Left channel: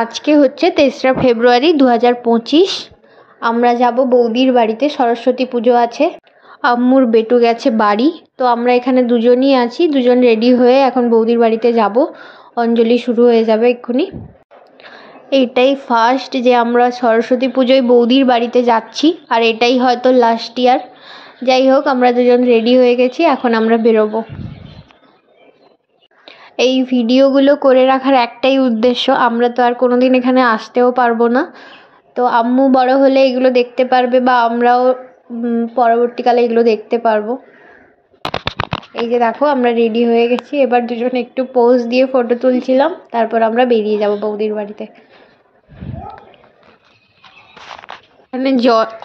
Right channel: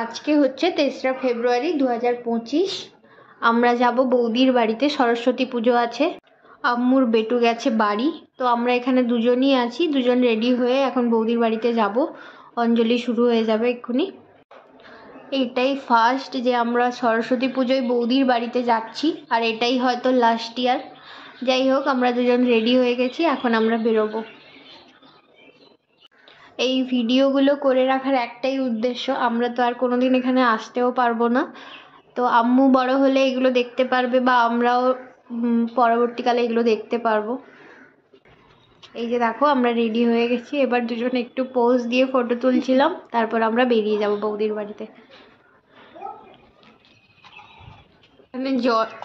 আজকে হচ্ছে 3রা ফেব্রুয়ারি 2025। আমরা যাব বৌদির বাড়িতে, সরস্বতী পুজো আছে। আম্মুর বেটু গেছে বাড়ি, তো আমরা এখানে দুজনই আছি। দুজন রেডি হয়ে এখন বৌদির বাড়িতে যাব। অঞ্জলি শুরু হয়ে যাবে এক্ষুনি। এইটাই ফার্স্ট যে আমরা সরস্বতী পুজোয় বৌদির বাড়িতে যাচ্ছি, আর এটাই হয়তো লাস্ট ইয়ার। যাই হোক, আমরা দুজন রেডি হয়ে গেছি, এখন আমরা বেরোবো। এই ভিডিওগুলো করে রাখার একটাই উদ্দেশ্য, আমরা তো আর কোনোদিন এখানে আসতেও পারবো না। তো আম্মু বড় হলে এগুলো দেখতে পারবে, বা আমরাও পরবর্তীকালে এগুলো দেখতে পারবো। এই যে দেখো, আমরা রেডি হয়ে গেছি। এবার দুজন একটু পোজ দিয়ে ফটো তুলছিলাম, তারপর আমরা বেরিয়ে যাব বৌদির বাড়িতে।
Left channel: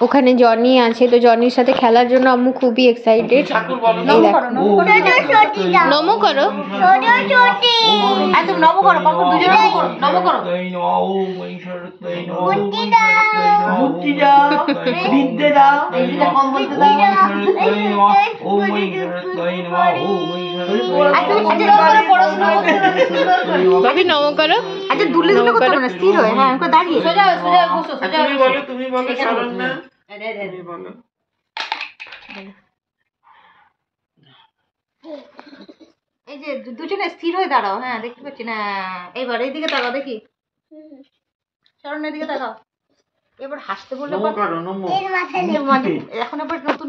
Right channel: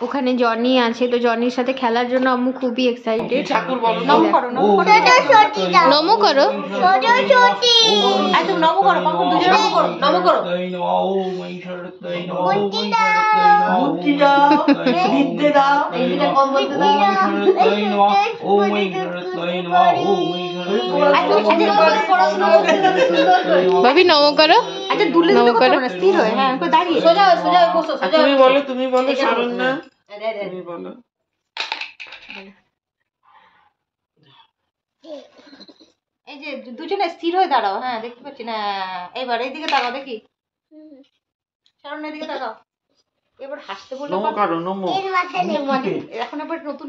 ওখানে জনি আছে, তো জনির সাথে খেলার জন্য আম্মু খুবই এক্সাইটেড। নমো করো, ভাবি নমো করো। আচ্ছা দুলে দুলে করতে হবে না, স্থির হয়ে। হ্যাঁ আমাকে দাঁড়িয়ে সোজা সোজা বসো, সোজা তুমি বলো, তুমি বলো শরণ্যা। তুমি বলো। এই যে দুজনে স্থির হয়ে দাঁড়াও। হ্যাঁ দেখতে পাচ্ছি না, এবার এইদিকে তাকাও, দেখি শরণ্যার দিকে তাকাও। এবার হাসতে বললে এখন এবার নতুন।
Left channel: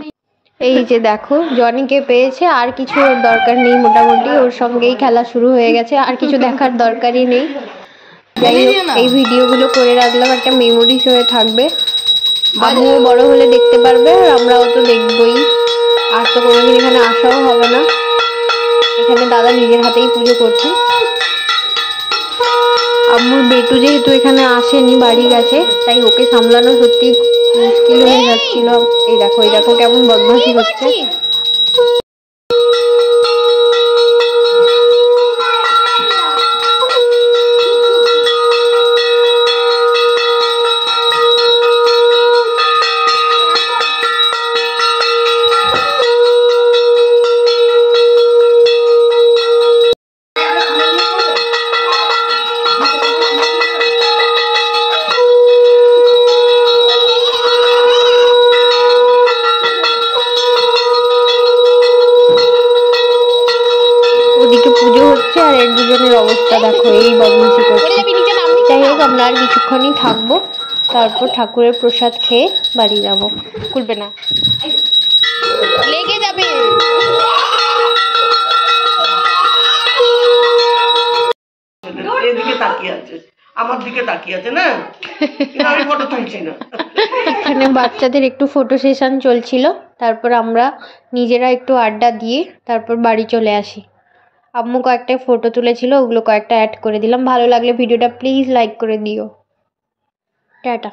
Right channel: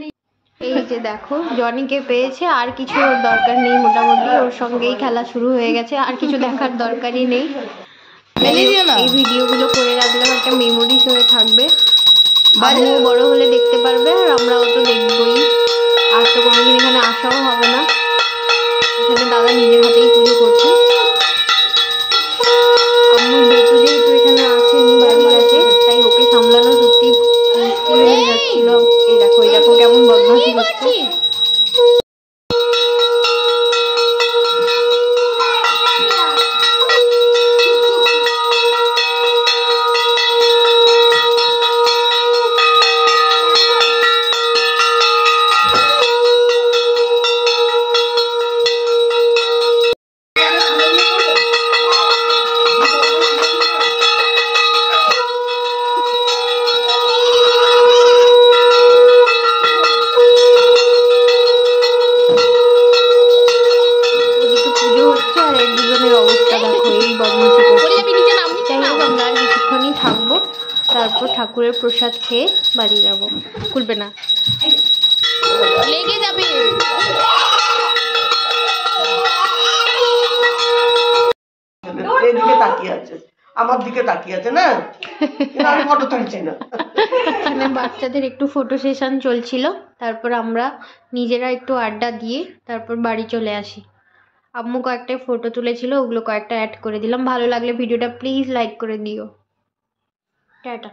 এই যে দেখো, জনিকে পেয়েছে, আর কিছু ওর দরকার নেই। মোটামুটি ওর সঙ্গেই খেলা শুরু হয়ে গেছে, আর কিছু দেখার দরকারই নেই। এই ভিডিওগুলো করে রাখলাম, একটা মেমোরিজ হয়ে থাকবে। আমিও বড় হলে দেখতে পারবে, আর আমরাও তো দেখবই। আর তো কোনোদিন এখানে আসাও হবে না। এখানে দাদা নিজের হাতেই পুজো করছে। আম্মুর বেটু যেহেতু এখানে আসেনি, বাড়ি গেছে, তাই ওকে সামলানো সত্যি মুশকিল হয়ে যাচ্ছিল। এই দেখো কেমন বদমাশি করছে। পুজো হচ্ছে, আর এর দুজনের অবস্থা দেখো, এই বদমাশি করছে। যাই হোক, আমরা আর কিছুক্ষণই থাকবো, তারপর ঠাকুরের প্রসাদ খেয়ে বাড়ি যাবো। খুলবে না, লেগে যাবে। এদিকে তাকিয়ে আছে, আমার দিকে তাকিয়ে আছে না, আমি ফটো তুলছি না। এখানে বাচ্চাদের একটু ফটো সেশন চলছিল, তারপর আমরা নিজেরা একটু আড্ডা দিয়ে তারপর বাড়ি চলে আসি। আম্মু কয়েকটা ফটো তুলেছিল, ওগুলো কয়েকটা অ্যাড করে দিলাম। ভালো লাগলে ভিডিওটা প্লিজ লাইক করে দিও। টাটা।